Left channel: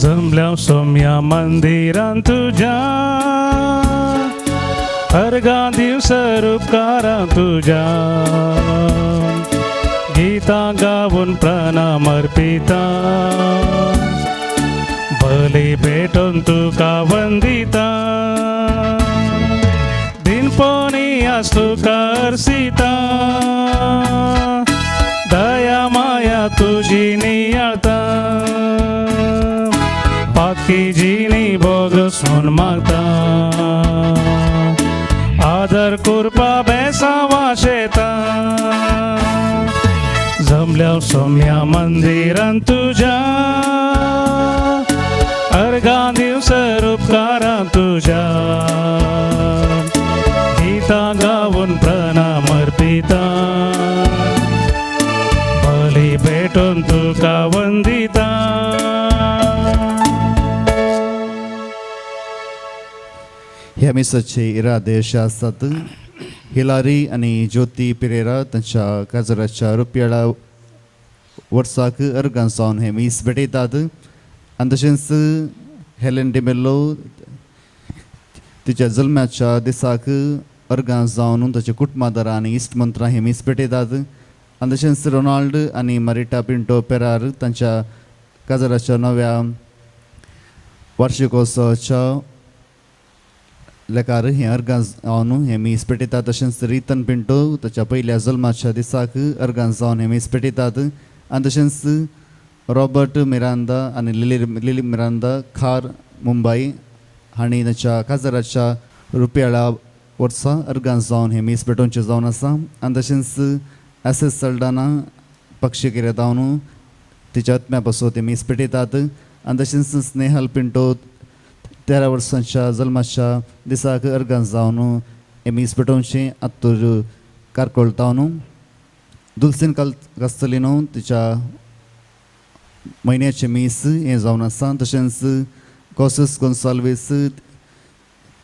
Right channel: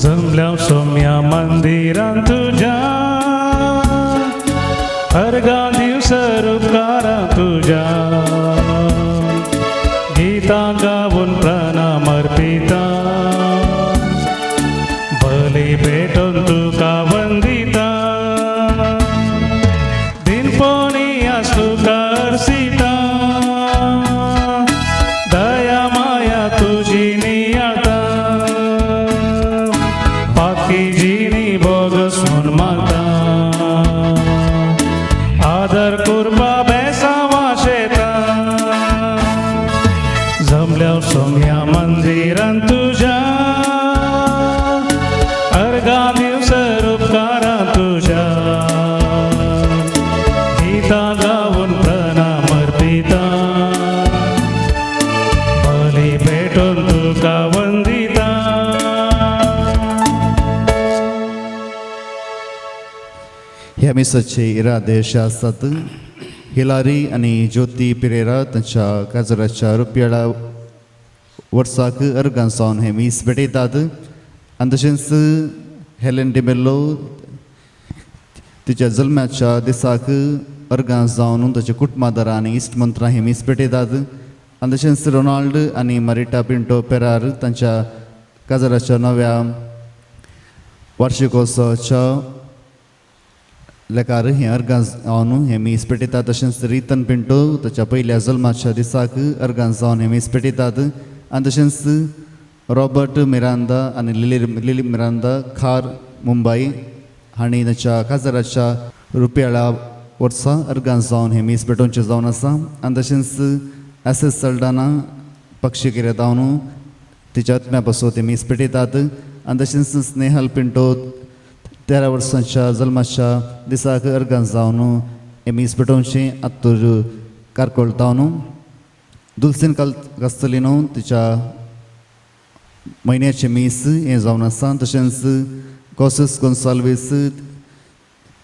जमल्या सोम्या मंदिरात तुझ्या अर्घा दिवस रूपकारा तुझ्या गीता गाऊन प्रणाम अर्पिता बली भेटून तुका वंदिता दिनपोनी असतो करसिता दया माया तुझी नियता पाकी जीनी बोगसून माता आदर कुर्बा बेसावा शेता जमल्या सोम्या मंदिरात तुझ्या अर्घा दिवस रूपकारा तुझ्या गीता गाऊन प्रणाम अर्पिता बली भेटून तुका वंदिता ह्या मिसाचे इरादे अशे आसात. हिलारी आनी ज्योती पेरेरा तांच्या काजराच्या रुपयाळा वर्साक अर्गां जावन हे मीस भेटयतात आनी तशेंच हेलेन डिमेल्लो तिच्या जल्माच्या दिसाक अर्गां जावन ताच्या कुटुंबादारां आनी इश्टमंत्रां हे मीस भेटयतात आनी तशेंच रोनाल्ड आनी मारिटा पिंटो पेरार तांच्या काजराच्या नव्या वार्षिकोत्सवाच्या लेकार हे अर्गां जावन हे मीस पेटयतात. तशेंच रितन पिंटो ताच्या पयल्या जल्माच्या दिसाक अर्गां जावन हे मीस पेटयतात आनी तशेंच रॉबर्ट मिरांदा आनी लिली मिरांदा खार मुंबई हांणी ताच्या काजराच्या रुपयाळा वर्सा अर्गां जावन हे मीस पेटोवचें जावन आसा आनी तशेंच एस सल्डाना पक्षी किरेदावन तिच्या आत्म्या पासून ते मीस पेटयतात आनी तशेंच स्नेहल पिंटो 13 वर्सांच्या जल्माच्या दिसाक अर्गां जावन हे मीस पेटोवची आत्तूर कारकोळतावन दुल्सेन कास्तलिनो तिच्या म्हयन्याचे मीस हे जावन आसा. तशेंच कॉसस गोन्साल्वीस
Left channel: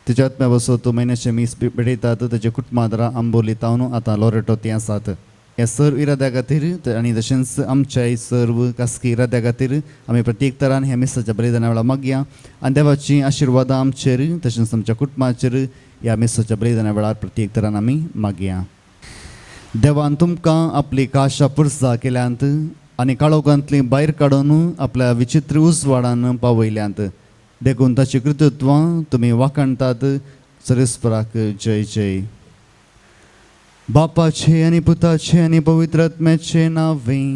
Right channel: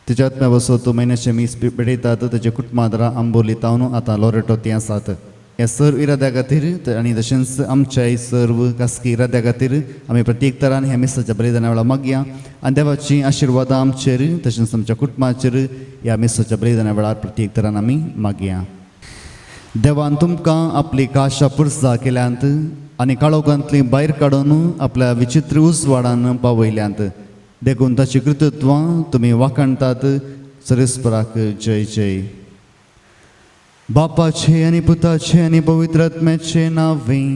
तिच्या आत्म्या पासून तो म्हयन्याचे मीस पेटयतात. ताचे कुटुंबादारां आंबोली तावन आतां लोरेटो ती आसात. हे सर्व इराद्या खातीर आनी तशेंच आमच्या सर्व खासगी इराद्या खातीर आमी प्रत्येक तरान हे मिसाच्या बलिदाना वेळा मागया आनी देवाची आशिर्वादां आमचेर तशेंच आमच्या कुटुंबाचेर ह्या मिसाच्या बलिदाना वेळार प्रत्येक तरान आमी मागया. देवान तुमकां आपली काशा पुरसां केल्यांत आनी काळोखांतली भायर काडून आपल्या विचित्र उजवाडान पावयल्यांत देखून ताची कृतत्वां तुमी वाखणटात. सरस्वराक जय जय. बापाचे आनी पुताचे आनी पवित्र आत्म्याचे नांवें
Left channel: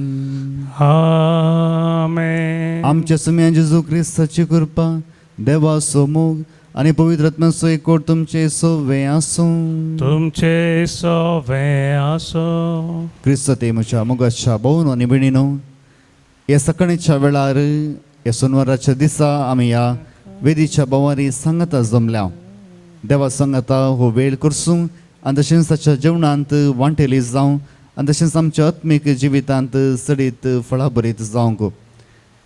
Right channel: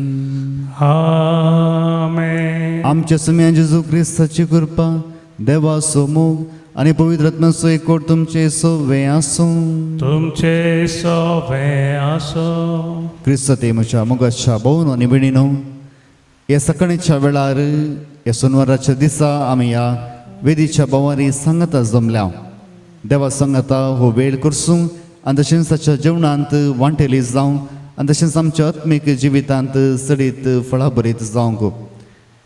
आमेन. आमच्या समेन जेजू क्रिस्ताची कृपा देवाचो मोग आनी पवित्र आत्म्याचो एकवट तुमचे सोवे आसूं. तुमचे सोवे आसो. क्रिस्त ते म्हज्या मोगाच्या भोवन आनी भयणीनो, हे सकाळीच्या वेळार हे सोनवाराच्या दिसा आमी ह्या वेदीच्या बोवारी सांगता जमल्या. देवा सांगता हो वेळ करसूं आनी तशेंच ताच्या जेवणांत वांटेली जावं आनी तशेंच आमच्या आत्मीक जिवितांत सडीत फळां भरीत जावंक.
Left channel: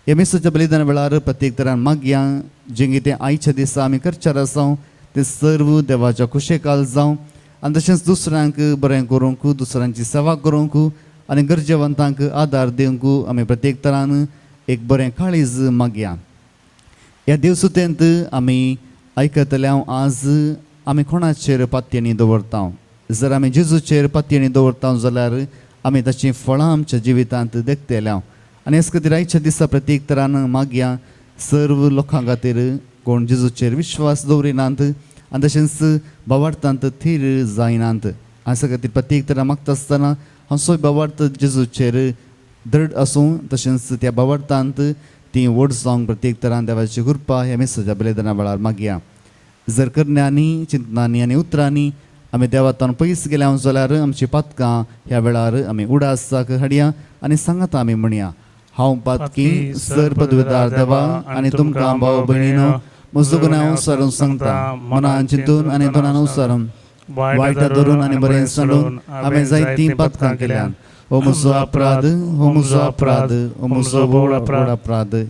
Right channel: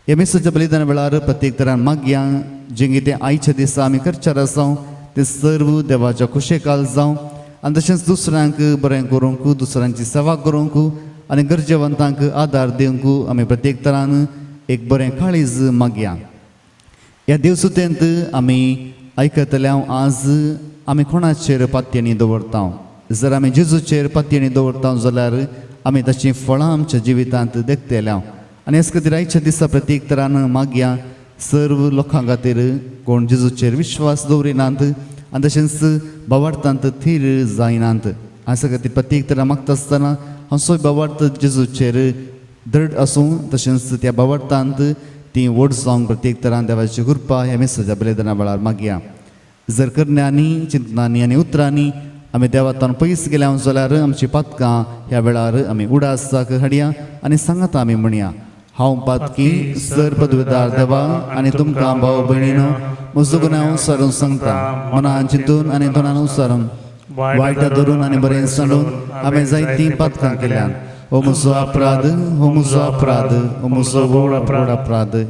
हे मिसाच्या बलिदाना वेळार प्रत्येक तरान मागया जें कितें आयच्या दिसा आमी करचार आसां तें सर्व देवाच्या कुशेकाल जावं आनी तशेंच दुसऱ्यांक बरें करूंक, दुसऱ्यांची सेवा करूंक आनी गरजेवंतांक आदार दिवंक आमी प्रत्येक तरान एक बरें काळीज मागया. ह्या दिवसुतेंत आमी आयकतल्या आज आमी कोणाचेर पातयेनी दवरता. जर आमी जेजूचेर पातयेनी दवरता जाल्यार आमी ताची फळां आमच्या जिवितांत देखतल्या. आनी हेच खातीर आयच्या दिसा प्रत्येक तरान मागया सर्व लोकां खातीर कोण जेजूचेर विश्वास दवरिनात आनी तशेंच भावार्थांत थीर जायनात. हाचे खातीर प्रत्येक तरान मागता आसतना हांव सोय भावार्थ जेजूचेर दृढ आसूं तशेंच त्या भावार्थांत ती व्हड जावंक प्रत्येक तरान देवाची कृपा ह्या मेसेजा बलिदाना वेळार मागया. जर करण्यांनी, चिंतनांनी आनी उतरांनी आमी देवातान पयस गेल्या जाल्यार आमची पातकां ह्या वेळार आमी उडासाक हाडया आनी सांगात आमी म्हणया. हांव पातकी सर पदवेदार देवा आनी तुमकां भाव भयणीनो म्हजो गुन्यांव सारून सांगता. मनान चिंतून आनी तोंडान उसारून वायट धरून आनी बरें सांडून आमी जायतीं पातकां केल्यात. o muso अपराध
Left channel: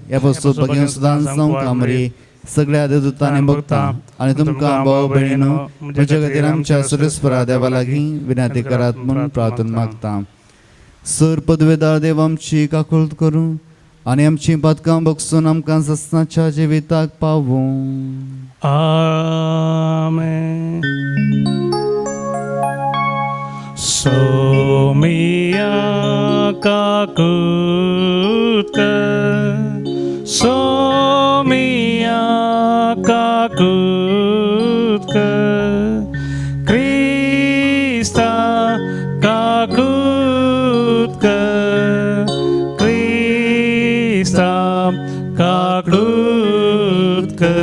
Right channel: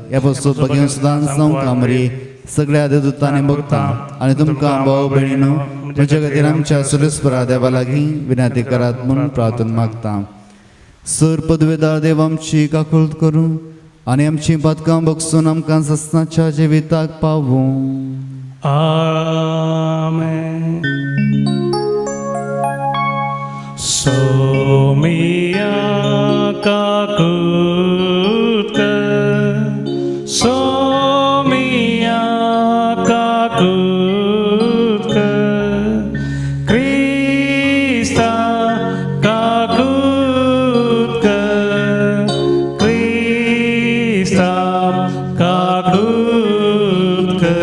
ह्या वस्तू पगेन सुदान जावं कामरी सगळ्या देवतांनी भक्तां आणि तुमकां भाव भयणीनो तुमच्या खातीर आमच्या सुरेस्परा देवा लागीं विनंती करात म्हणून प्रार्थना मागता सर पदवेदार देव आमची काकुळट करूं आणि आमची पदकां बगसून आमकां ससनाच्या जिविताक पावूं Amen. Somia kakutka, Somia kakutka, Krista kakutka, Krista kakutka.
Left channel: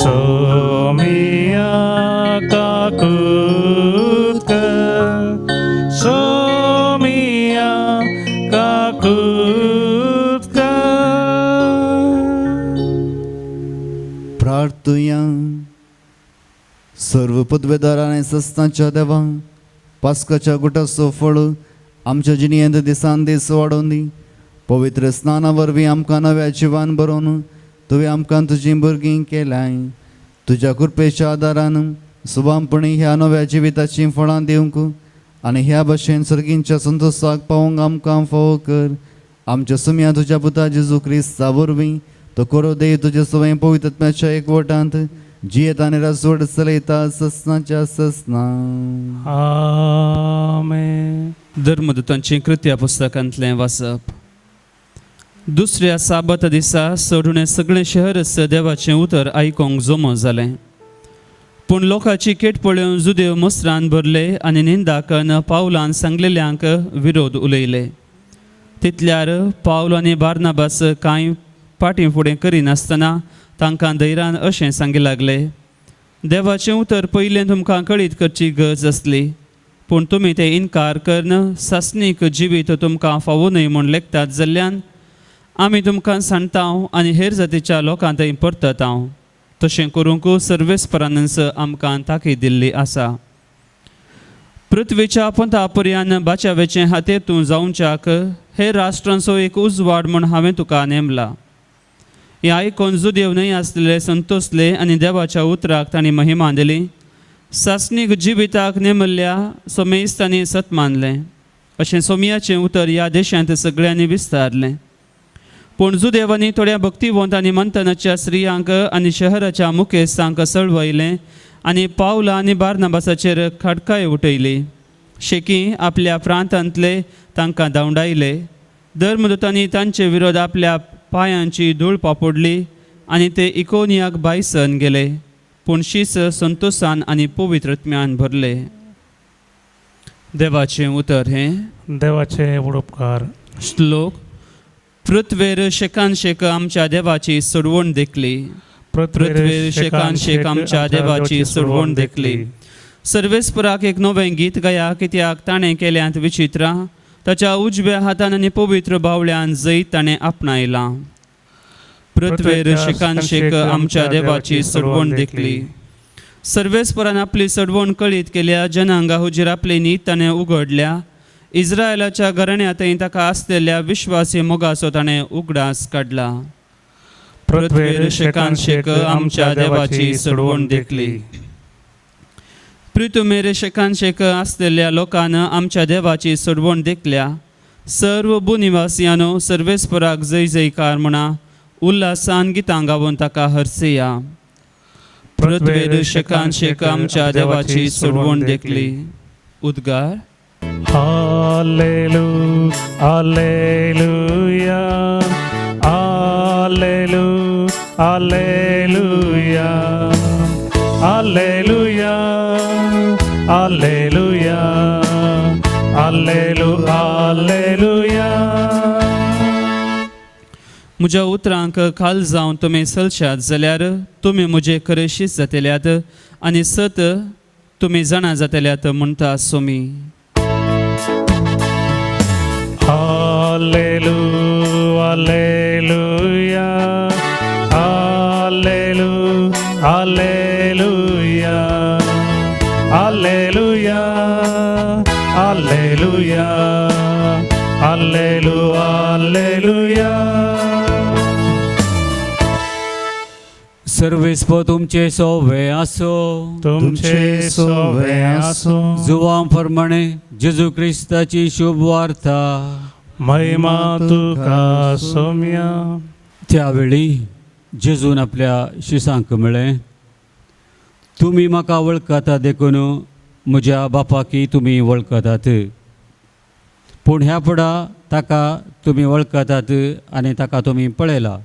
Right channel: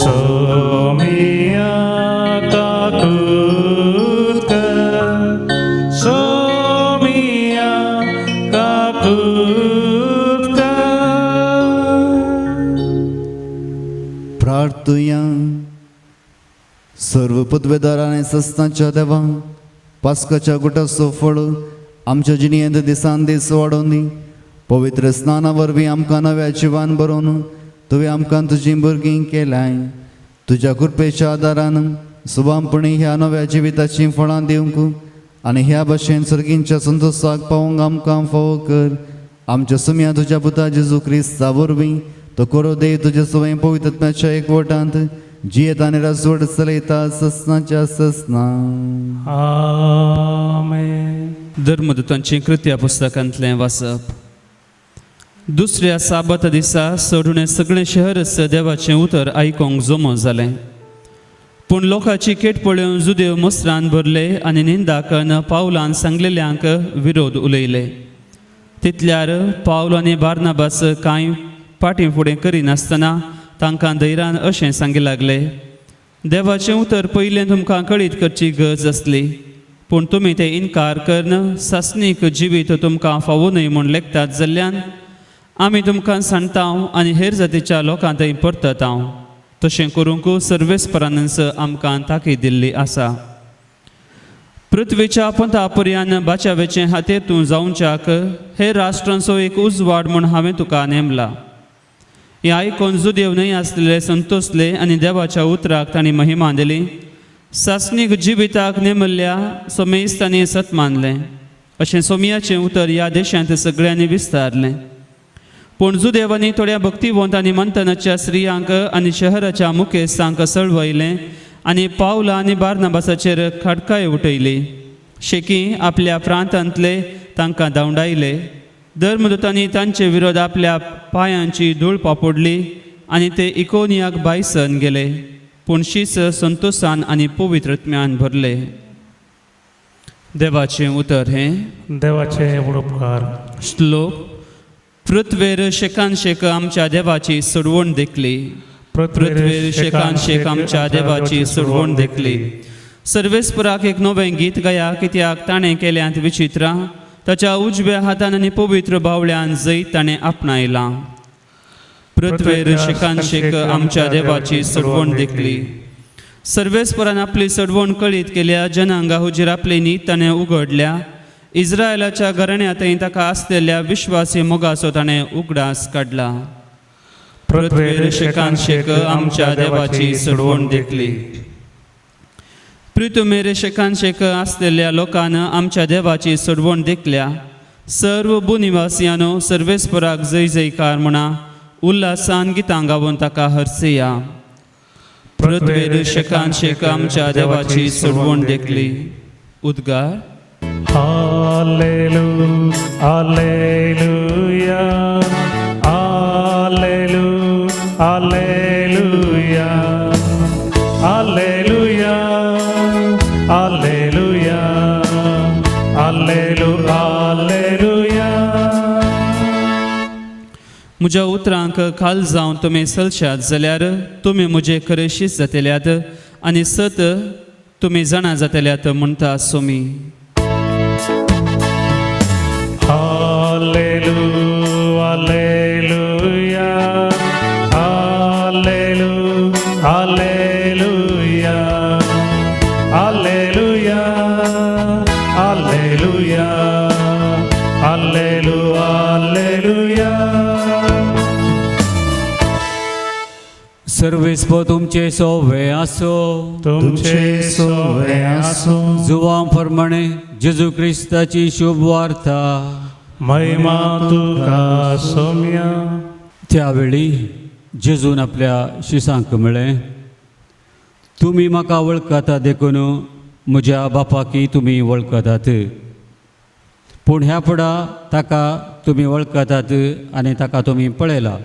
Somia kakutka, Somia kakutka. प्रार्थुया सर्व पदवेदार आणि सस्तांच्या देवा पास्काच्या गुटाचो फळ आमच्या जिणेंत दिसान दीस वाडोवन दी पवित्र स्नाना वरवीं आमकां नव्या जिवान बरोवन तुवें आमकां तुजीं भुरगीं केलाय तुज्या कृपेच्या आदारान सुभामपणी ह्या नव्या जिविताचीं फळां दिवंक आनी ह्या भाशेन सर्गींच्या संतोशाक पावोवंक आमकां फावो कर आमच्या सुम्या तुज्या पुता जेजू क्रिस्ता वरवीं तो कोरो देव तुजे सवय पवित्रत्म्याच्या एकवटांत जियेत आनी राजवट चलयता ससनाच्या ससना Amen. धर्मदूतांची कृत्या पुस्तकांतलें वाचप दुसऱ्या साबत दिसा सोडून सगळें शहर देवाचें उतर आयकोंक जमो जालें पूण लोकांची केट पळोवन जुदेव मस्त्रान भरले आनी निंदा करन पावलान सांगलेल्यांक विरोध उलयले तितल्यार पावल आनी बार्नाबास कांय फाटीं फुडें करिनासतना तांकां धैर्यान अशें सांगूंक लागले देवाचें उतर पयलें तुमकां कळीत करची गरज आसली पूण तुमी तें इन्कार करन सासणीक जिवीत तुमकां फावो न्हय म्हूण लेखतात जाल्ल्यान आमी तुमकां सांगता आनी हेर जातीच्या लोकां थंय परतता तशें करूंक सर्वेस्परानस आमकां ताकीद दिल्ली आसा पृथ्वीच्या पंथा पर्यान बाच्यावेचें हातेर तूं जावच्याक हे राष्ट्रांचो एक उजवाड म्हूण हांवें तुका नेमला हें आयकोन जुदेव न्हय आसलेले संतोसले आनी देवाच्या उतराक तांणी महिमा दिली सासणीक जिविताक नेमल्ल्या सोमेस्तांनी सत मानलें अशें सोमियाचें उतर ह्या देशांत सगळ्यांनी विस्तारलें पूण जुदेवांनी थोड्या भक्तिवंत आनी मंथनाच्या स्त्रियांक आनी शहराच्या मुखेस्तांक सळवयलें आनी पावला आनी बार्नाबासाचेर खडकाय उठयली शेकी आपल्या प्रांतांतले तांकां धांवडायले धर्मदूतांनी तांचे विरोध आपल्या पांयांची धूळ पापडली आनी ते इकोनियाक भायसन गेले पूण शीस संतोशान आनी पवित्रत्म्यान भरले देवाचें उतर हे देवाचे उपकार श्लोक पृथ्वेर शेकान शेक आमच्या देवाची सोडवण देखली पृथ्वेर शेकान शेक आमच्या देवाची सोडवण देखली सर्वेस्पराक एक नवें गीत गाया कित्याक ताणें केल्यांत विचित्रां ताच्या उजव्या हातान आनी पवित्र बावळ्यान जैत ताणें आपणायलां पृथ्वेर शेकान शेक आमच्या देवाची सोडवण देखली सर्वेस्परान आपली सोडवण कळीत केल्या जनांगा हुजीर आपली नीत ताणें उगडल्या इस्रायलाच्या घराण्यांतय ताका आसलेल्या विश्वासी मोगाचो ताणें उगडास काडला पृथ्वेर शेकान शेक आमच्या देवाची सोडवण देखली पृथ्वेर शेकान शेक आसलेल्या लोकांन आमच्या देवाची सोडवण देखल्या सर्व भूनिवासियानो सर्वेस्पराक जय जयकार म्हणा उल्हासान गितां गावून ताका हरसिया पृथ्वेर शेकान शेक आमच्या देवाची सोडवण देखली उद्गार Hallelujah, hallelujah, hallelujah, hallelujah, hallelujah, hallelujah, hallelujah, hallelujah. म्हज्या उतरांक खाल जावन तुमी चलशात जाल्यार तुमी म्हजे खरेशीच जातल्यात आनी सत तुमी जाणा जातल्यात म्हणटा Somi Hallelujah, hallelujah, hallelujah, Alleluia, Alleluia. सर्वेस्व तुमचे सोवे असो तुमचे सोवे असो. जुवां प्रमाणे जेजू ख्रिस्ताची शुभ वार्ता. महिमा तुका सौम्या. त्यावेळी जेजून आपल्या शिसांक म्हळें, तुमी म्हाका वळखता देखून म्हज्या बापाकी तुमी वळखतात, पूण ह्या फुडा ताका तुमी वळखतात आनी ताका तुमी पळयला.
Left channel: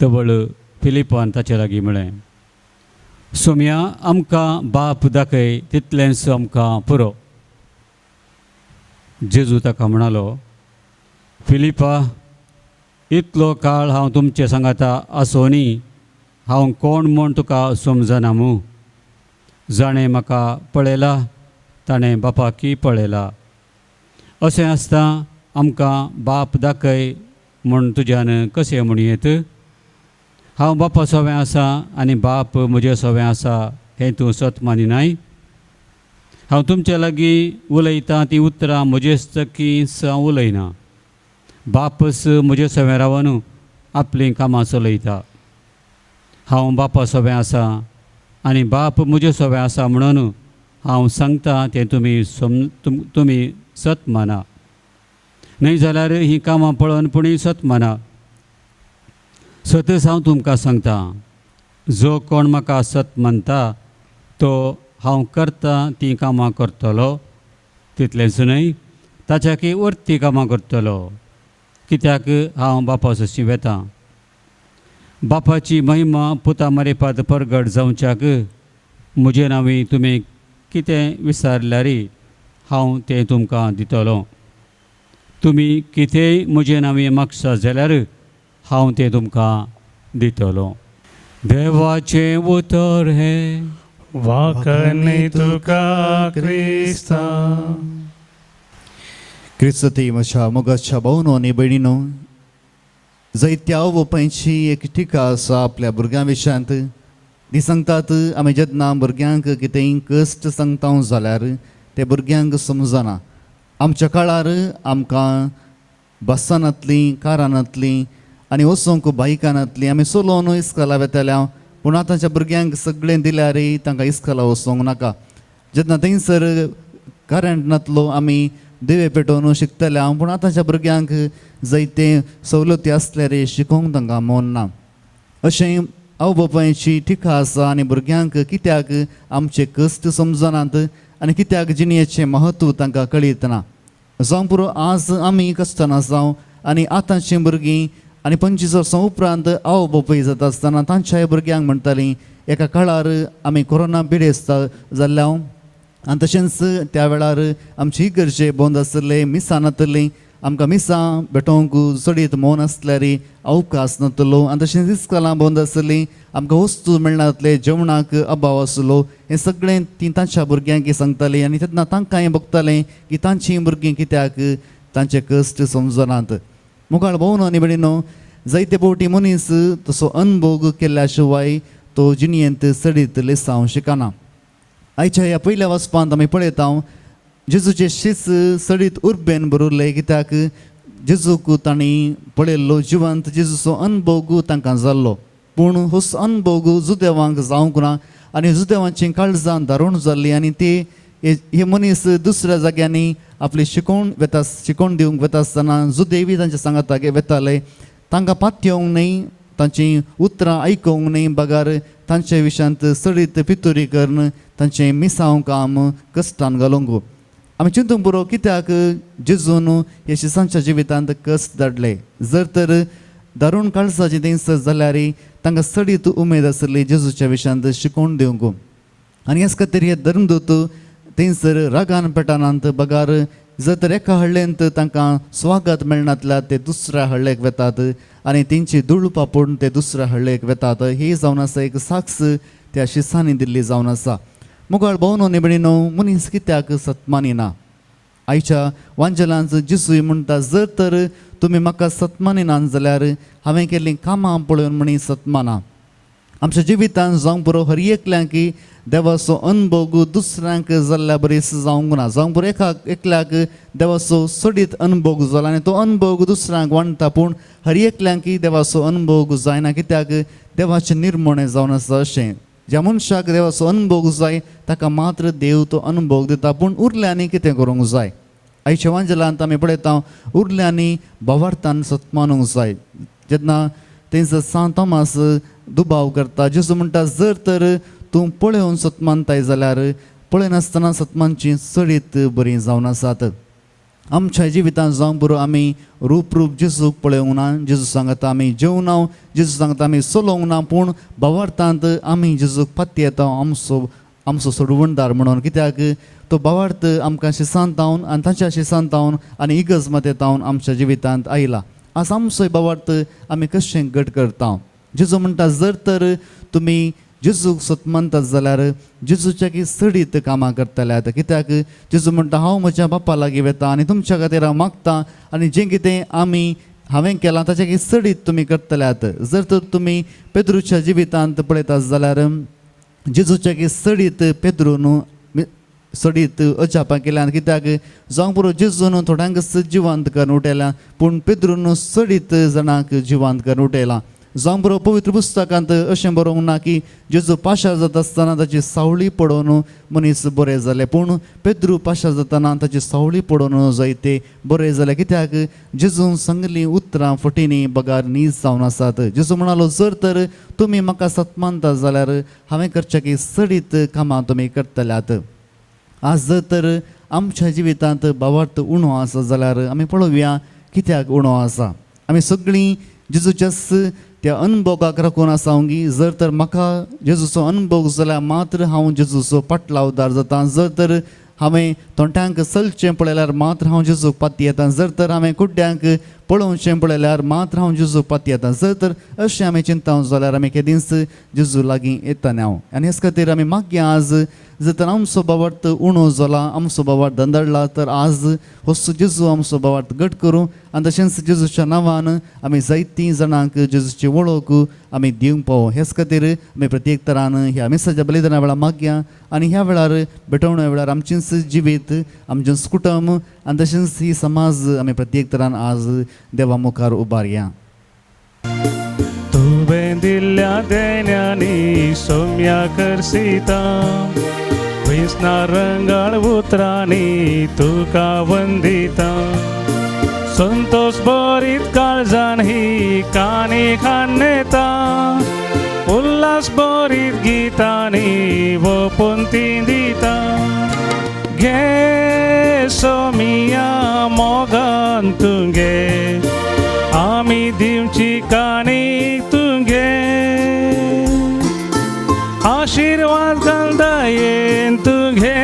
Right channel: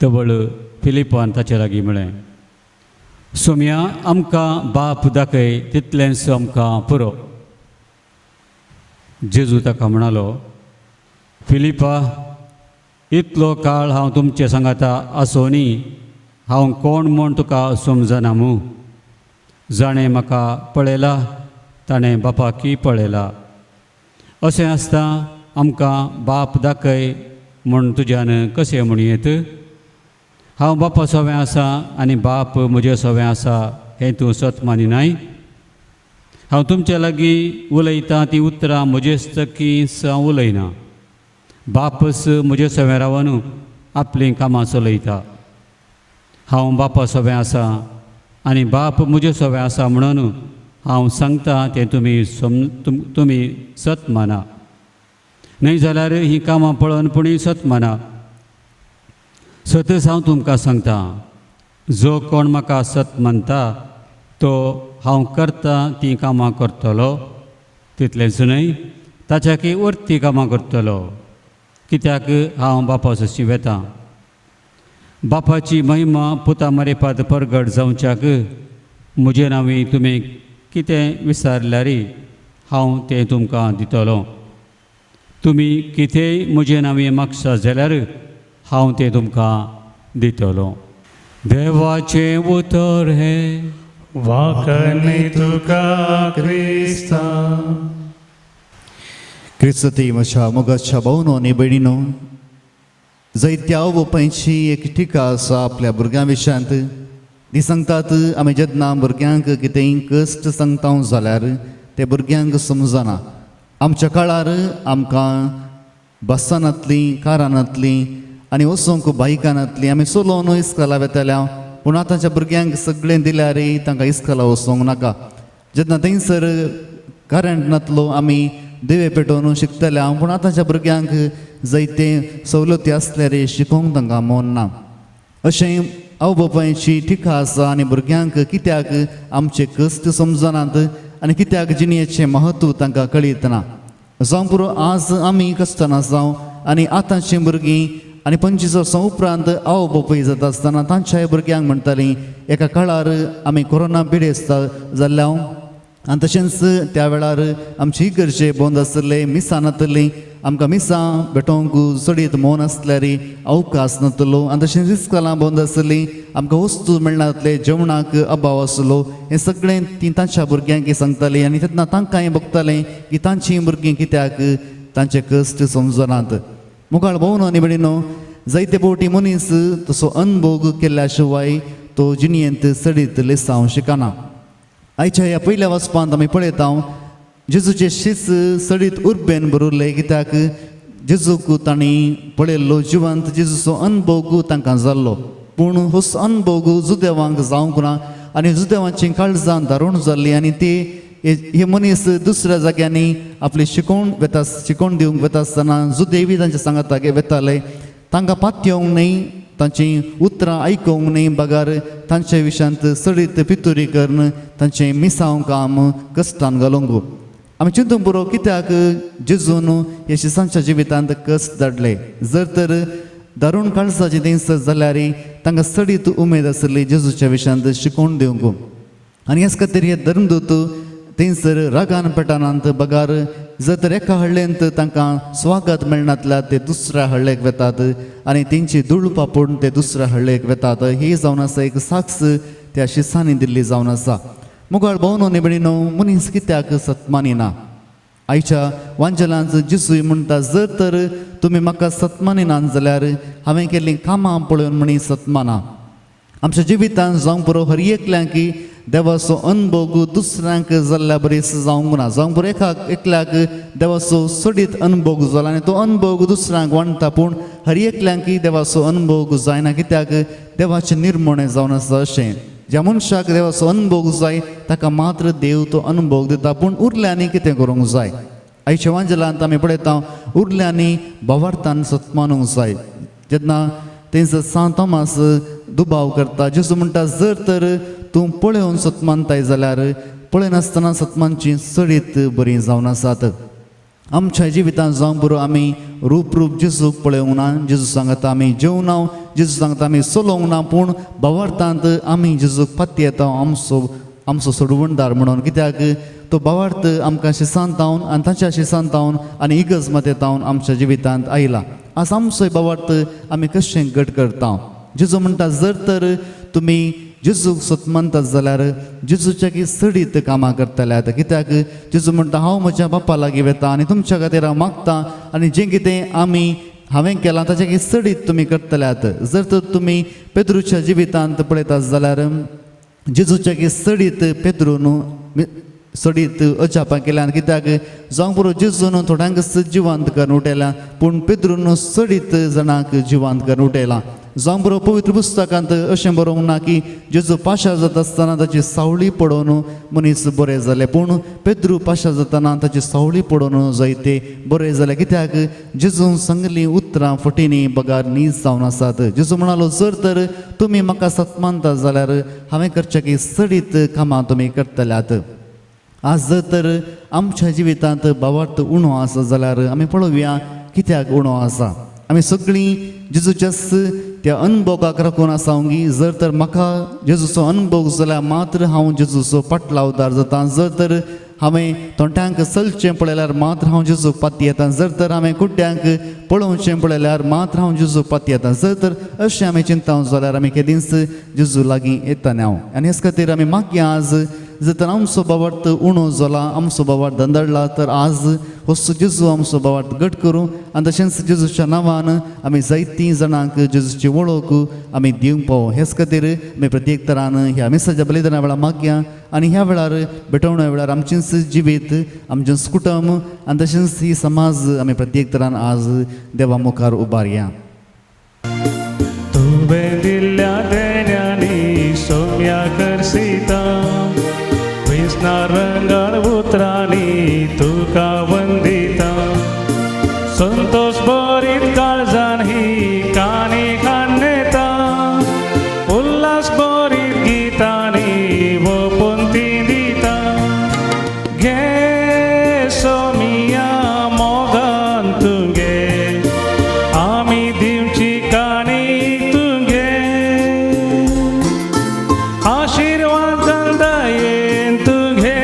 तवळ फिलिपान ताचे लागीं म्हळें, सुम्या आमकां बाप दाखय तितलेंच आमकां पुरो. जेजू ताका म्हणालो, फिलिपा, इतलो काळ हांव तुमचे सांगाता आसोनी हांव कोण म्हूण तुका समजना मू. जाणें म्हाका पळयला ताणें बापाकी पळयला. अशें आसता आमकां बाप दाखय म्हूण तुज्यान कशें म्हणयेत. हांव बापा सोवें आसा आनी बाप म्हजे सोवें आसा हें तूं सत मानिनाय. हांव तुमच्या लागीं उलयतां तीं उतरां म्हजेच तकीच हांव उलयना. बापस म्हजे सोवें रावन आपलीं कामां चलयता. हांव बापा सोवें आसा आनी बाप म्हजे सोवें आसा म्हणून हांव सांगतां तें तुमी सत माना. न्हय जाल्यार हीं कामां पळोवन पुणी सत माना. सतच हांव तुमकां सांगतां, जो कोण म्हाका सत मानता तो हांव करता तीं कामां करतलो, तितलेंच न्हय ताच्याकी उरतीं कामां करतलो, कित्याक हांव बापा सशी वेतां. बापाची महिमा पुता मरेपात परगट जावच्याक म्हजे नांवी तुमी कितें विचारल्यार हांव तें तुमकां दितलो. तुमी कितेंय म्हजे नांवी मागसा जाल्यार हांव तें तुमकां दितलो. देवाचें उतर हें वाकणी तुका क्रिस्ता. क्रिस्ती म्हज्या मोगाच्या भावनो आनी भयणीनो, जायत्या आवोपांची एक टिका आसा आपल्या भुरग्यां विशयांत. ती सांगतात आमी जेन्ना भुरग्यांक कितेंय कश्ट सांगता जाल्यार ते भुरग्यांक समजना. आमच्या काळार आमकां बसांतलीं कारांतलीं आनी वचोंक बायकांतलीं आमी चलोवन इस्कॉला वेताल्या, पूण आतांच्या भुरग्यांक सगळें दिल्यार तांकां इस्कॉला वचोंक नाका. जेन्ना थंयसर करंट नातलो आमी दिवे पेटोवन शिकतल्या, पूण आतांच्या भुरग्यांक जायते सवलती आसल्यार शिकोवंक तांकां मन ना. अशें आवय बापायची टिका आसा आनी भुरग्यांक कित्याक आमचे कश्ट समजनात आनी कित्याक जिणेचें महत्व तांकां कळीत ना. जावं पुरो आज आमी कश्टान जावं आनी आतांचीं भुरगीं आनी 25 वर्सां उपरांत आवय बापूय जाता आसतना तांच्या भुरग्यांक म्हणटालीं एका काळार आमी कोरोना पिडेस्त जाल्ल्या आनी तशेंच त्या वेळार आमची इगर्जे बंद आसले, मिसां नातलीं, आमकां मिसां भेटोवंक चडीत मौन आसल्यार अवकाश नातलो आनी तशेंच इस्कॉलां बंद आसलीं, आमकां वस्तू मेळनातले, जेवणाक अभाव आसलो. हें सगळें ती तांच्या भुरग्यांक सांगतालीं आनी तेन्ना तांकांय बगतालें की तांचीं भुरगीं कित्याक तांचे कश्ट समजनात. मुखार भोवनो आनी भयणीनो, जायते फावटी मनीस तसो अनुभव केल्ल्या शिवाय तो जिणेंत चडीत लेसांव शिकना. आयच्या ह्या पयल्या वचपांत आमी पळयता जेजूचे शीस सडीत उर्बेन भरिल्ले, कित्याक जेजूक तांणी पळयल्लो जिवंत जेजूचो अनुभव तांकां जाल्लो. पूण हो अनुभव जुदेवांक जावंक ना आनी जुदेवांची काळजां दारूण जाल्लीं आनी ती हे मनीस दुसऱ्या जाग्यांनी आपली शिकोवण दिवंक वेता आसतना जुदेवी तांच्या सांगातागे वेताले. तांकां पातयेवंक न्हय, तांची उतरां आयकूंक न्हय, बगार तांच्या विशयांत सडीत पितुरी करून तांचें मिसांव काम कश्टान घालूंक. आमी चिंतूंक पुरो कित्याक जेजून ह्या शिसांच्या जिवितांत कश्ट धाडले. जर तर दारूण काळजाचें दिस जाल्यार तांकां सडीत उमेद आसली जेजूच्या विशयांत शिकोवन दिवंक. आनी हेच खातीर हे धर्मदूत थंयसर रागान पेटानांत बगार जर तर एका हळ्ळेंत तांकां स्वागत मेळनातल्या ते दुसऱ्या हळ्ळेक वेतात आनी तेंची धूळ पापून ते दुसऱ्या हळ्ळेक वेतात. ही जावन आसा एक साक्ष त्या शिसांनी दिल्ली जावन आसा. मुगाळ भोवनो न्ही भयणीनो, मनीस कित्याक सतमानिना. आयच्या वांजलांत जिसूय म्हणटा, जर तर तुमी म्हाका सतमानिनात जाल्यार हांवें केल्लीं कामां पळोवन मनीस सतमाना. आमच्या जिवितांत जावंक पुरो हर एकल्यांक देवाचो अनुभव दुसऱ्यांक जाल्ल्या बरेच जावंक ना जावंक बरें एकल्याक देवाचो सडीत अनुभव जाला आनी तो अनुभव दुसऱ्यांक वांटता पूण हर एकल्यांक देवाचो अनुभव जायना कित्याक देवाचें निर्मणें जावन आसा अशें ज्या मनशाक देवाचो अनुभव जाय ताका मात्र देव तो अनुभव दिता पूण उरल्यांनी कितें करूंक जाय आयच्या वांजलांत आमी पळयता उरल्यांनी भावार्थान सत्मानूंक जाय जेन्ना तेंचो सांत तोमास दुबाव करता जेजू म्हणटा जर तर तूं पळोवन सत्मानताय जाल्यार पळयनासतना सत्मानची सडीत बरी जावन आसात आमच्या जिवितांत जावंक बरो आमी रूप जेजूक पळोवंक ना जेजू सांगता आमी जेवना जेजू सांगता आमी चलोवंक ना पूण भावार्थांत आमी जेजूक पाती येता आमचो सोडवणदार म्हणून कित्याक तो भावार्थ आमकां शिसांतावन आनी ताच्या शिसांतावन आनी इगज मतेतावन आमच्या जिवितांत आयला आज आमचो भावार्थ आमी कशें घट करता जेजू म्हणटा जर तर तुमी जेजूक सत्मानतात जाल्यार जेजूच्या की सडीत कामां करतल्यात कित्याक जेजू म्हणटा हांव म्हज्या बापा लागीं वेता आनी तुमच्या खातीर हांव मागता आनी जें कितें हांवें केलां ताच्या की सडीत तुमी करतल्यात जर तर तुमी पेद्रूच्या जिवितांत पळयतात जाल्यार जेजूच्या की सडीत पेद्रून सडीत अजापां केल्यान कित्याक जावं बरो जेजून थोड्यांक जिवांत करून उठयला पूण पेद्रून सडीत जाणांक जिवांत करून उठयला जावं बरो पवित्र पुस्तकांत अशें बरोवंक ना की जेजू पाशार जाता आसतना ताची सावळी पडोवन मनीस बरें जाले पूण पेद्रू पाशार जातना ताची सावळी पडोवन जायते बरें जाले कित्याक जेजून सांगली उतरां फटींनी बगार नीज जावन आसात जेजू म्हणालो जर तर तुमी म्हाका सत्मानता जाल्यार हांवें करचें की सडीत कामां तुमी करतल्यात आज जर तर आमच्या जिवितांत भावार्थ उणो आसा जाल्यार आमी पळोवया कित्याक उणो आसा आमी सगळीं जेजूच्या त्या अनुभवाक राखून आसांगी जर तर म्हाका जेजूचो अनुभव जाल्यार मात्र हांव जेजूचो पाटलावदार जाता जर तर हांवें तोंड्यांक चलचें पळयल्यार मात्र हांव जेजूक पाती येता जर तर हांवें कुड्ड्यांक पळोवचें पळयल्यार मात्र हांव जेजूक पाती येता जर तर अशें आमी चिंताव जाल्यार आमी केदींच जेजू लागीं येता ना आनी हेच खातीर आमी मागया आज जर तर आमचो भावार्थ उणो जाला आमचो भावार्थ धंदळला तर आज हो जेजू आमचो भावार्थ घट करूं आनी तशेंच जेजूच्या नांवान आमी जायतीं जाणांक जेजूची वळख आमी दिवंक पावो हेच खातीर आमी प्रत्येक तरान ह्या मिसाच्या बलिदाना वेळार मागया आनी ह्या वेळार भेटवण्या वेळार आमचेंच जिवीत आमचेंच कुटुंब आनी तशेंच ही समाज आमी प्रत्येक तरान आज देवा मुखार उबारया तुवें दिल्ल्या देण्यानी सोम्या करसिता वेसना रंगाळ उतरांनी तुका वंदिता संतोष भरीत काळजान ही काणी कांडेता उल्हास भरीत गितांनी वपंती दिता घे सोमिया मोगान तुगे आमी दिवची काणी तुगे आशीर्वाद दायेन तुगे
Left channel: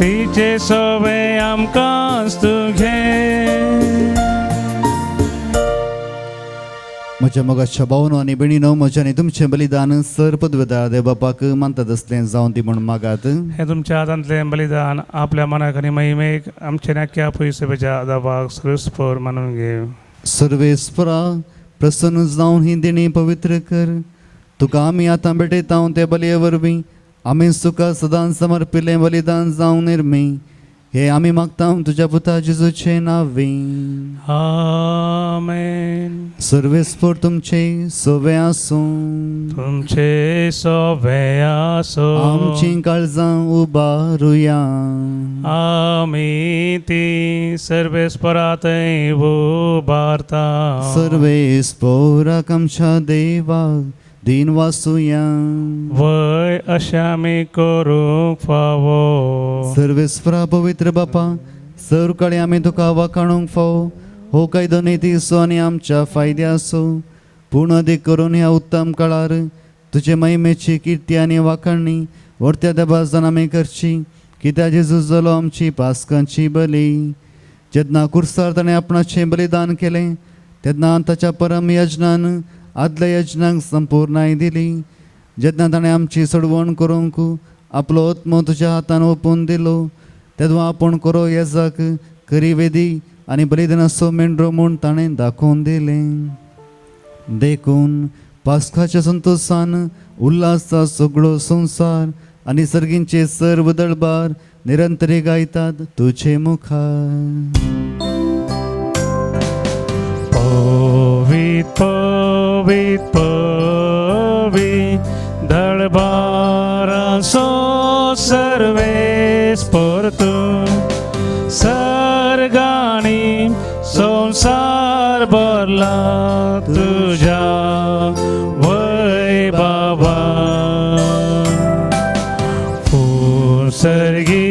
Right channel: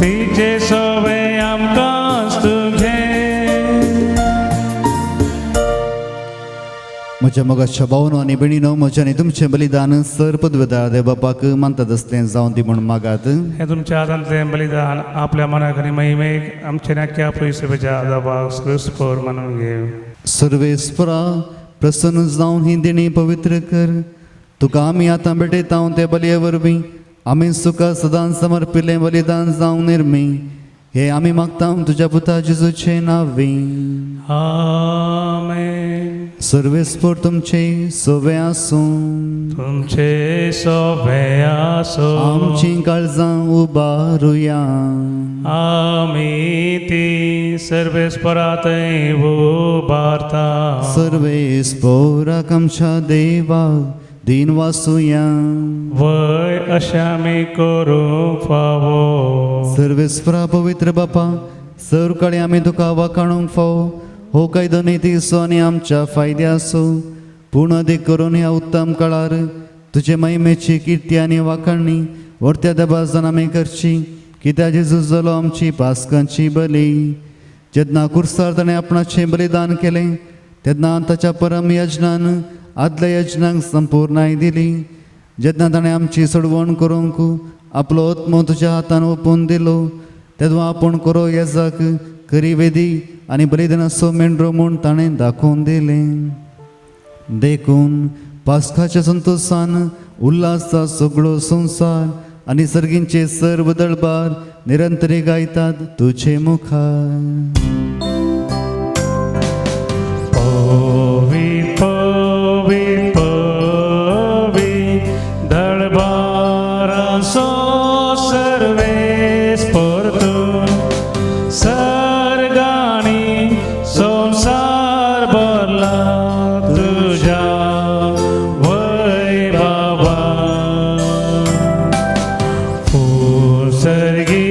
तिचे सवे आमकांच तुगे म्हज्या मोगाच्या भावनो आनी भयणीनो म्हजें आनी तुमचें बलिदान सर पदवेदार देव बापाक मानतात आसलें जावं ती म्हण मागात हे तुमच्या आदांतलें बलिदान आपल्या मनाक आनी महिमेक आमच्या नाक्या पयसुबेच्या आदाबाक सुस्पोर मानून घे सर्वेस्परा प्रसन्न जावन ही देणी पवित्र कर तुका आमी आतां भेटयता ते बलये वरवीं आमी सुका सदां समर्पिल्लें बलिदान जावं निर्मी हे आमी मागता तुज्या पुता जेजूचे नांवी आमेन सर्वेस्पर तुमचे सवे आसूं तुमचे सोबे आसो आमची काळजां उबारुया आमी ती सर्वेस्परातय उबारता सर्वेस्पराक आमच्या देवाक दिन वासुया वय अशें आमी करूंक फावो सर्वेस्परा पवित्र बापा सर कडे आमी तुका वाखाणूंक फावो हो कायदो नितीसो आनी आमच्या फायद्याचो पूण अदीक करून ह्या उत्तम काळार तुजे महिमेची किर्ती आनी वाखाणणी व्हरत्या देबाजान आमी करची कित्याक जेजू जालो आमची पासकांची बली जेन्ना कुर्सार ताणें आपणाचें बलिदान केलें तेन्ना ताच्या परम यजनान आदल्या यजनाक संपूर्णाय दिली जेन्ना ताणें आमची सोडवण करूंक आपलो आत्मो तुज्या हातान ओपून दिलो तेदो आपूण करो येजाक खरी वेदी आनी बलिदानाचो मेंढरो म्हूण ताणें दाखोवन दिलें देखून पासकाच्या संतोशान उल्हासा सगळो संसार आणि सर्गींचे सर्व दळबार निरंतरी गायतात तुझे मुखार. Povit, povit, povit, darbara so Sarves परतू सर्गाणी संसार भरला तुझ्या वैभवा. फूल सर्गी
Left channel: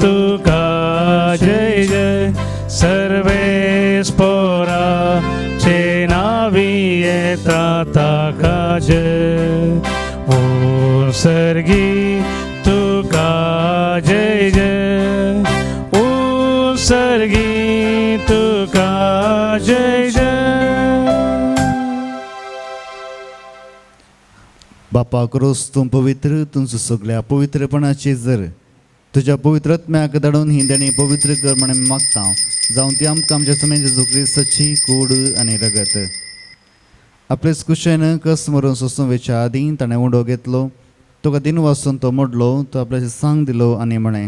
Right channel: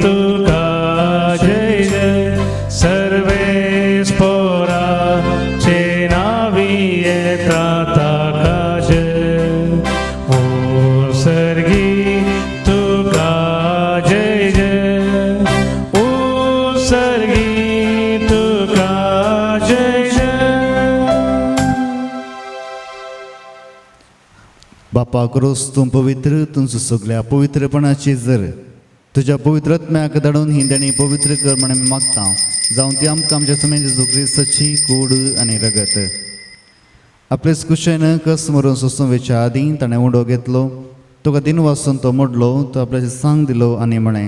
तुका जय जय सर्वेस पोराचे नावी येतात आकाश. फूल सर्गी तुका जय जय, सर्गी तुका जय जय. बापा क्रोस तूं पवित्र, तुमचं सगळ्या पवित्रपणाची जर तुझ्या पवित्रत्म्याक धाडून ही देणी पवित्र कर म्हणून मागता. जाऊन ती आमकां आमच्या सुमेच्या जोखरी सची कूड आनी रगत आपलेच कुशेन कस मरून सोसूंवेच्या आदी ताणें उंडो घेतलो. तुका दिन वाचून तो मोडलो, तो आपल्याचे सांग दिलो आनी म्हणे,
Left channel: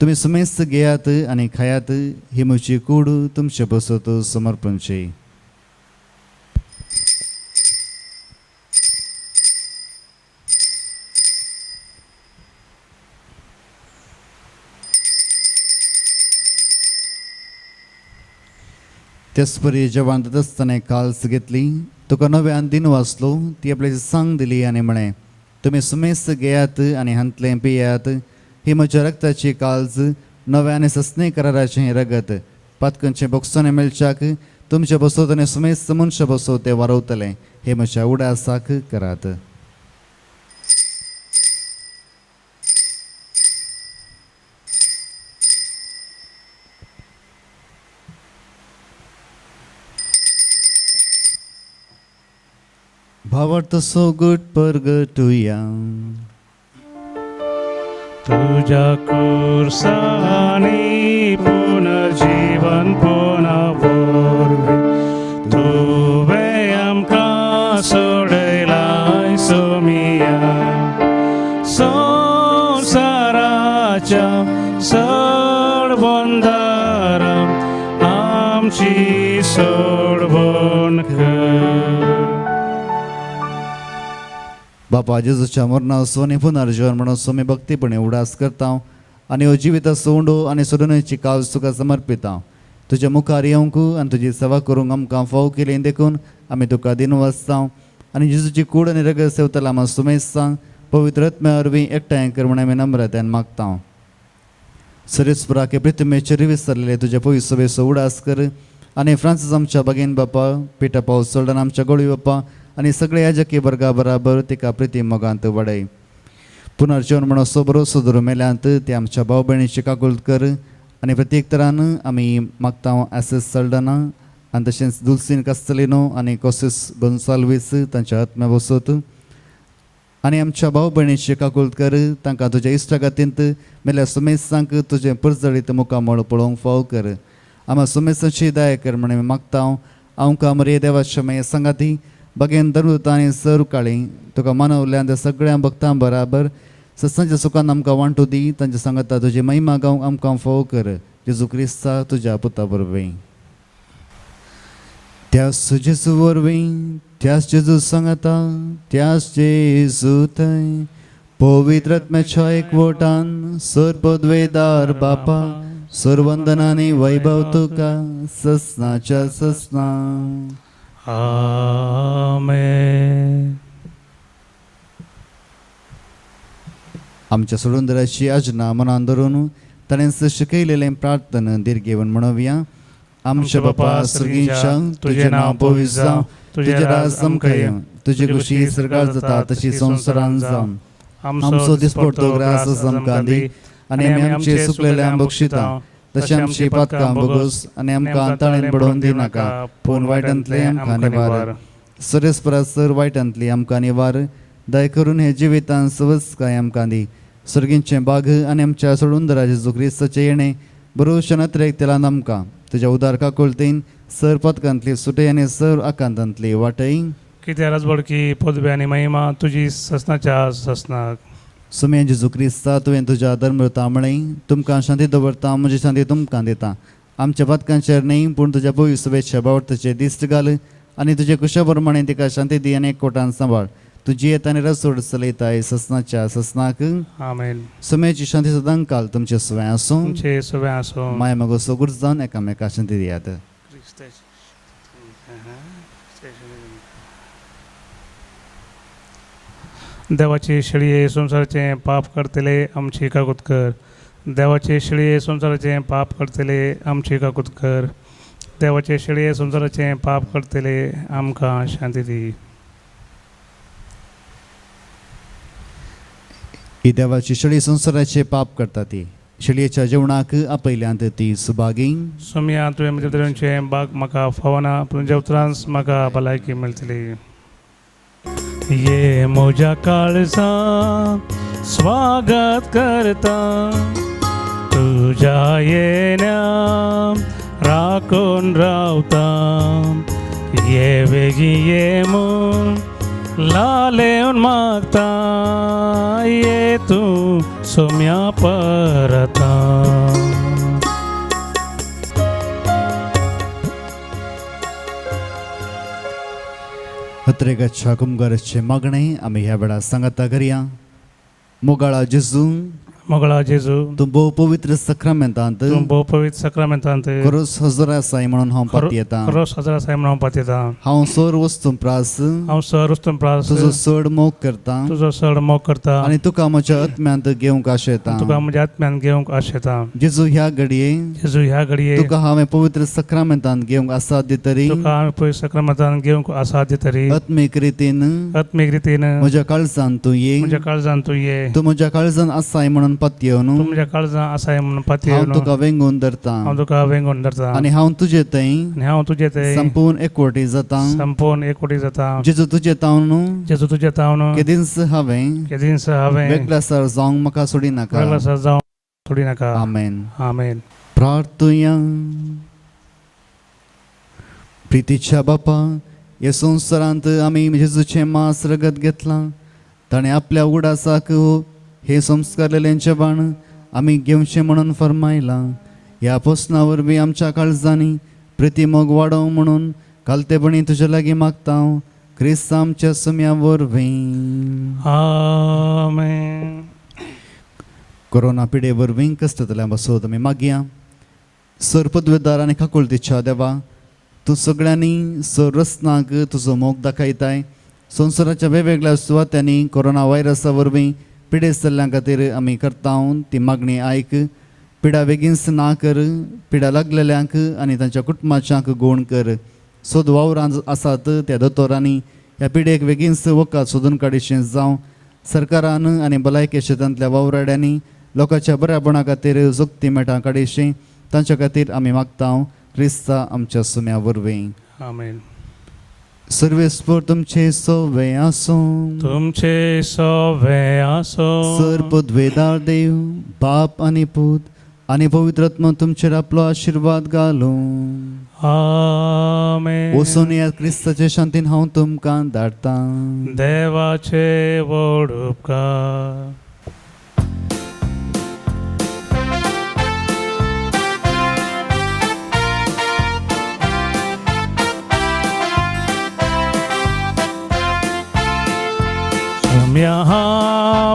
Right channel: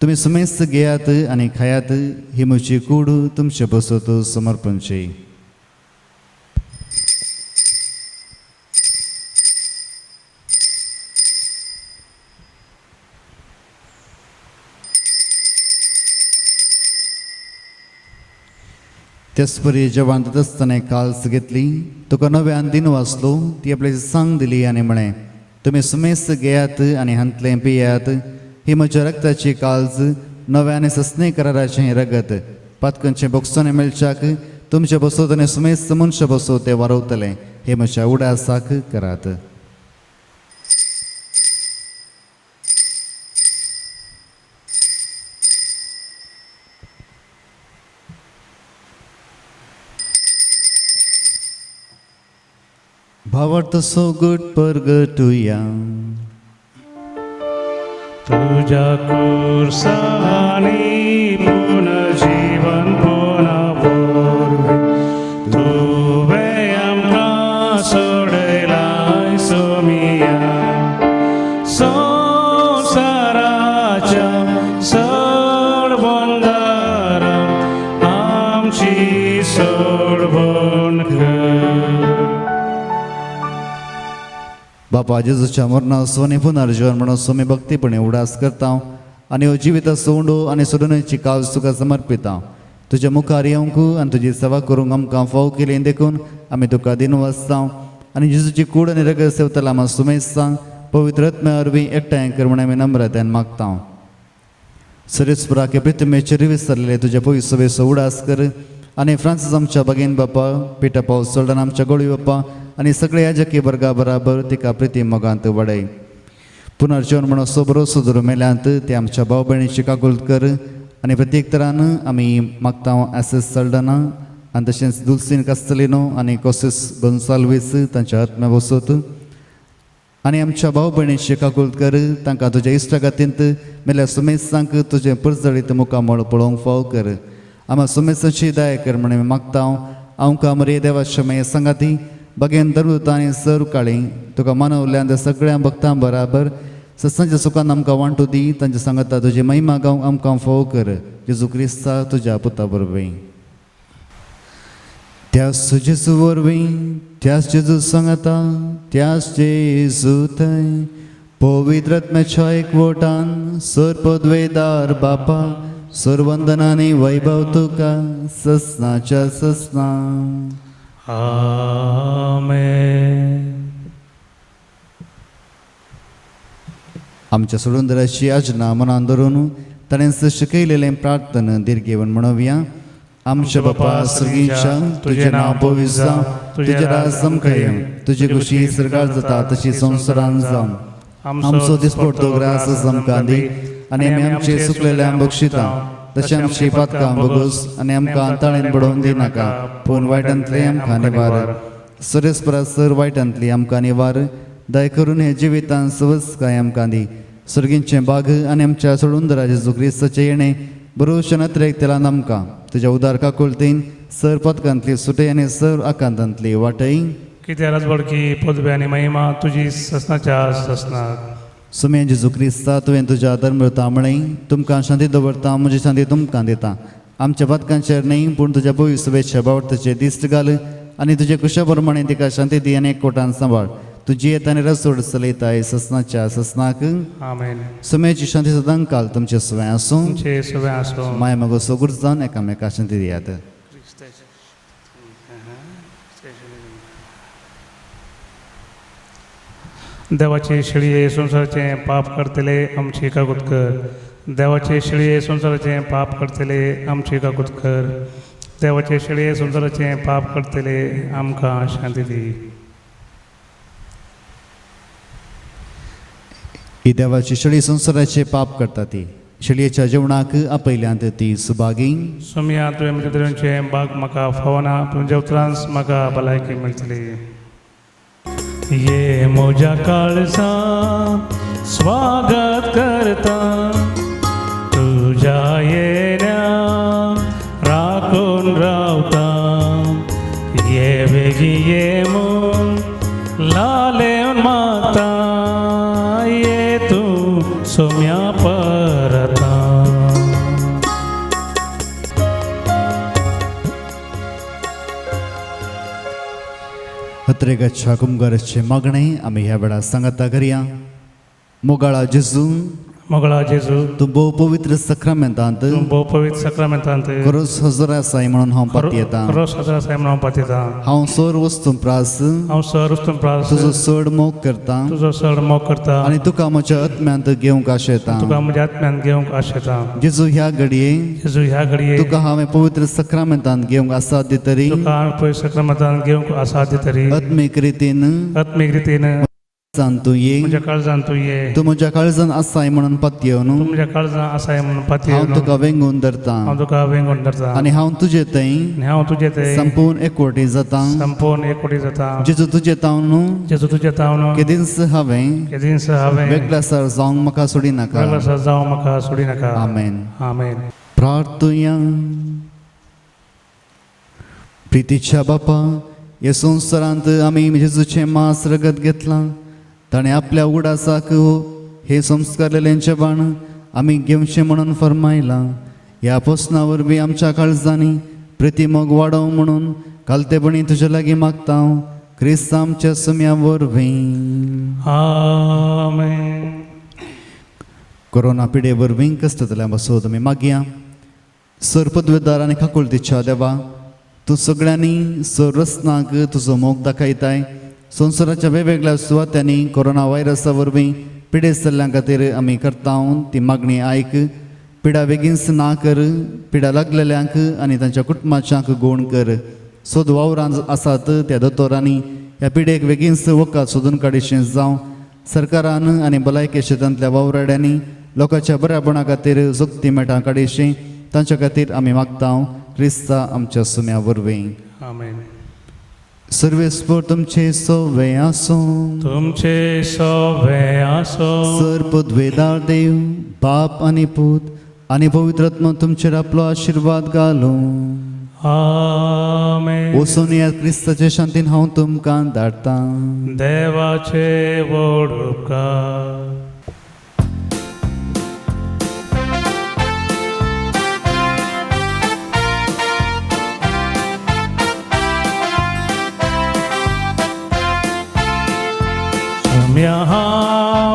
तुम्ही सुमेस्त घेयात आनी खायात, ही म्हजी कूड तुमचे बसत समर्पणची. तेच परी जेवण जात आसतना काल्स घेतली, तुका नव्यान दिन वाचलो, ती आपल्याची सांग दिली आनी म्हणे, तुम्ही सुमेस्त घेयात आनी हांतले पियात, ही म्हज्या रक्ताची काल्ज नव्याने सस्ने कराराचें रगत. पातकांचे बोगसाने मेळच्याक तुमचे बसोत आनी सुमेस्त मनशां बसो ते वारवतले, हे म्हज्या उडासाक करात. भावार्थ सोगट परगटुया. तुझ्या कुर्सानी पुनर्जीवन पुनर्भोर्वे, तुवे आमकां सोडलाय सोमिया. संसाराच्या सरबंदारां आमची सोडवण कर. बापा जेजूच्या मरणा सोनी पुनर्जीवन म्हणून सोमी भक्तीपणे उडास करता आनी हो जिवीत सोंडो आनी सोडूनची काल तुका समर्पिता. तुजे मुखार येवंक आनी तुजी सेवा करूंक आमकां फाव केली देखून आमी तुका दिन वाचता आनी जेजूची कूड आनी रगत सेवतला आमी सुमेस्ता पवित्र आत्म्या वरवीं एकठांय कर म्हणून आमी नम्रतायेन मागता. सरेस्पुराके प्रितमेचेर विसरलेले तुजे पवित्र सभेचो उडास कर आनी फ्रांसीस आमच्या भगीन बापा, पिटर पौल सोल्डन आमच्या गोळी बापा आनी सगळे याजकी वर्गा बराबर तिका प्रिती मोगांत वडय. पुनर्जीवन म्हणून सोबरो सुदरो मेल्यांत ते आमच्या भाव भयणीची काकुळट कर आनी प्रत्येक तरान आमी मागता एस सोल्डना आनी तशेंच दुल्सीन कस्तेलिनो आनी कोसिस गोन्साल्वीस तांच्या आत्म्या बसत आनी आमच्या भाव भयणीची काकुळट कर. तांकां तुज्या इश्टागातींत मेल्या सुमेसांक तुजें परजळीत मुखामळ पळोवंक फाव कर. आम्हा सुमेसाची दया कर म्हणून मागता. आमकां मरे देवाच्या मये सांगाती बगेन दरुता आनी सर काळी तुका मानवल्यान सगळ्या भक्तां बराबर सत्सांच्या सुखान आमकां वांटू दी. तांच्या सांगता तुजी महिमा गावंक आमकां फोव कर. जेजू क्रिस्ता तुज्या पुता वरवीं. त्याच जेजू वरवीं, त्याच जेजू सांगता, त्याच जेजूत पवित्र आत्म्याच्या एकवटान सरपदवेदार बापा सर्वंदनाने वैभव तुका ससनाच्या ससना. आमेन. आमच्या सोडूंदराची आजना मनान धरून ताणें शिकयलेलें प्रार्थना दिर्घेवन म्हणुया. आमच्या बापा सर्गीच्या तुजें नांव पवित्र जावं, तुजें राज समकाय येवं, तुजी खुशी सरकार जाता तशी संवसारान जावं. आमचो दिसपट तो ग्रास आमकां दी आनी आमी आमचे सुकलेल्या बक्षिता तशें आमची पातकां बगूस आनी आमकां अंताळेन पडोवन दिनाका, पूण वायटांतले आमकां निवार. सरेस्परासर वायटांतली आमकां निवार. दया करून हे जिवितांत सवस्काय आमकां दी. सर्गींचें बाग आनी आमच्या सोडूंदरा जेजू क्रिस्ताचें येणें बरोवचे नत्रेक तेलान आमकां तुज्या उदार काकुळटीन सर पदकांतली सुटय आनी सर आकांतांतली वाटय किती राजबडकी पदवी आणि महिमा तुझी ससनाच्या ससनाक सुमे जेजू क्रिस्ता तुवें तुज्या धर्मतामणी तुमकां शांती दवरता म्हजी शांती तुमकां दिता आमच्या पदकांचेर न्ही पूण तुज्या पवित्र शुभेच्छा बावटचे दिश्ट घाल आनी तुजे कुशा प्रमाणे तिका शांती दी आनी एकवटान सांबाळ तुजी येता आनी रसोड चलयताय ससनाच्या ससनाक आमेन सुमेची शांती सदां काल तुमचे सुवें आसूं तुमचे सगळें आसूं माय मगो सगूर जावन एकामेका शांती दियात देवाचे शिळये संसाराचे पाप करतले आमची कागूद कर देवाचे शिळये संसाराचे पाप करतले आमची कागूद कर देवाचे शिळये संसाराचे पाप करतले आमकां शांती दी ही देवाची शिळी संसाराचे पाप करता ती शिळयेच्या जेवणाक आपयल्यांत ती सुभागी सुमिया तुवें म्हज्या तरेचे बाग म्हाका फावना तुज्या उतरांस म्हाका भलायकी मेळटली ये म्हज्या काळजा स्वागत करता तुझ्या येण्या राखून रावता ये वेगी ये म्हूण लालेवन मागता ये तू सोम्या परता हत्रेगच्छा कुंभाराचे मागणे आम्ही ह्या वेळा सांगता करूया मोगाळा जेजू मोगळा जेजू तू भोव पवित्र सक्रमेंतांत तूं भोव पवित्र सक्रामेंतांत खरोच हजर आसाय म्हणून हांव पाती येता रोस हजार साहेब हांव पातयता हांव सर वस्तू प्रास हांव सर वस्तू प्रास तुजो चड मोग करता तुजो चड मोग करता आनी तुका म्हज्या आत्म्यांत घेवंक आशेता तुका म्हज्या आत्म्यान घेवंक आशेता जेजू ह्या घडये जेजू ह्या घडये तुका हांवें पवित्र सक्रमेंतांत घेवंक आसात दितरी तुका हांवें पवित्र सक्रामेंतांत घेवंक आसा दितरी आत्मीक रितीन आत्मीक रितीन म्हज्या काळजान तूं ये म्हज्या काळजान तूं ये तूं म्हज्या काळजान आसाय म्हणून पातयेवन तूं म्हज्या काळजान आसाय म्हणून हांव पातयेवन तुका वेंगून धरता हांव तुका वेंगोन धरता आनी हांव तुजे थंय आनी हांव तुजे ते संपूर्ण एकवटी जाता संपूर्ण एकवटी जाता जेजू तुजे तावन जेजू तुजे तावन केदीस हांवें केदीस हांवें वेगळासार जावंक म्हाका सोडी नाका वेगळो जावं म्हाका सोडी नाका आमेन आमेन प्रार्थुया प्रितीच्या बापा ह्या संवसारांत आमी जेजूचे मास रगत घेतलां ताणें आपल्या उगडासाक हे संस्कारलेल्यांचे बाण आमी घेवचे म्हणून फरमायलां ह्या पोसना वरवीं आमच्या काळजांनी प्रतिमोग वाडोव म्हणून कालतेपणी तुजे लागीं मागता हांव क्रिस्त आमच्या सुम्या वरवीं आमेन कोरोना पिडे वरवीं कश्टांतल्यान बसोत आमी मागया सर पदवेदार आनी काकुळतीच्या देवा तूं सगळ्यांनी सर रस्नाक तुजो मोग दाखयताय संवसाराच्या वेगवेगळ्या सुवात्यांनी कोरोना व्हायरसा वरवीं पिडेस्तल्ल्यां खातीर आमी करता ती मागणी आयक पिडा बेगीनच ना कर पिडा लागलेल्यांक आनी तांच्या कुटुंबाच्यांक गूण कर सोद वावरांत आसात त्या दोतोरांनी ह्या पिडेक बेगीनच वखद सोदून काडीचें जावं सरकारान आनी भलायकी क्षेत्रांतल्या वावराड्यांनी लोकांच्या बऱ्यापणा खातीर जुक्ती मेटां काडीचें तांच्या खातीर आमी मागता क्रिस्ता आमच्या सुम्या वरवीं आमेन सर्वेस्पर तुमचे सोवे आसूं तुमचे सोवे आसो सर पदवेदार देव बाप आनी पूत आनी पवित्र आत्मा तुमचेर आपलो आशिर्वाद घालूं आमेन वचून ह्या क्रिस्ताचे शांतीन हांव तुमकां धाडटां देवाचे व्हड उपकार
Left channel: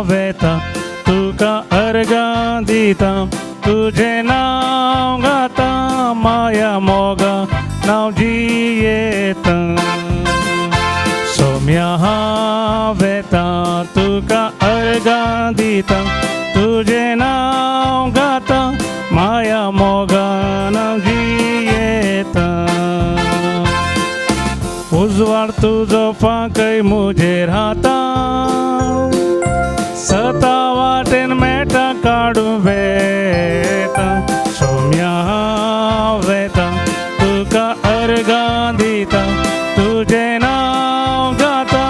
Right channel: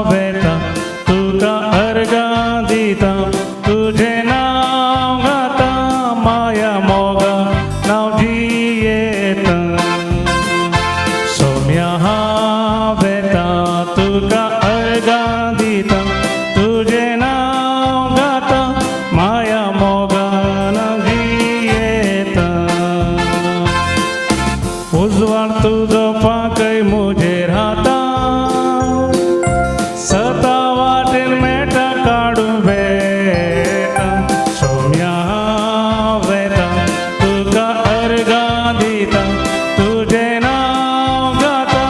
वेता तुका अर्घा दिता तुझे नाव गाता माया मोगा नाव जियेता सोम्या वेता तुका अर्घा दिता तुझे नाव गाता माया मोगा नाव जियेता उजवाड तुझो पाकय मुजेर हाता सता वाटेन मेटा काडू बेटा सोम्या वेता तुका अर्घा दिता तुझे नाव गाता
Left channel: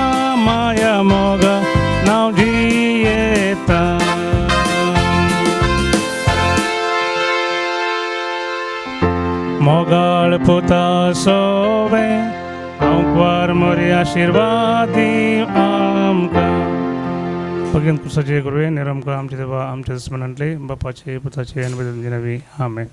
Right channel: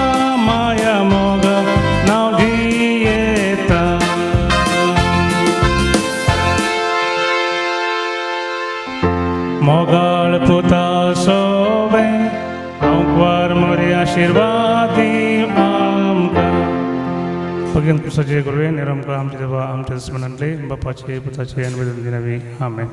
माया मोगा नाव जियेता मोगळ पुता सोवे हांव मोरी आशिर्वाद गेल तुझे गुरुवे निरंकाळ आमचे देवा आमचे स्मरणले बापाचे पुत्राचे आणि आमेन.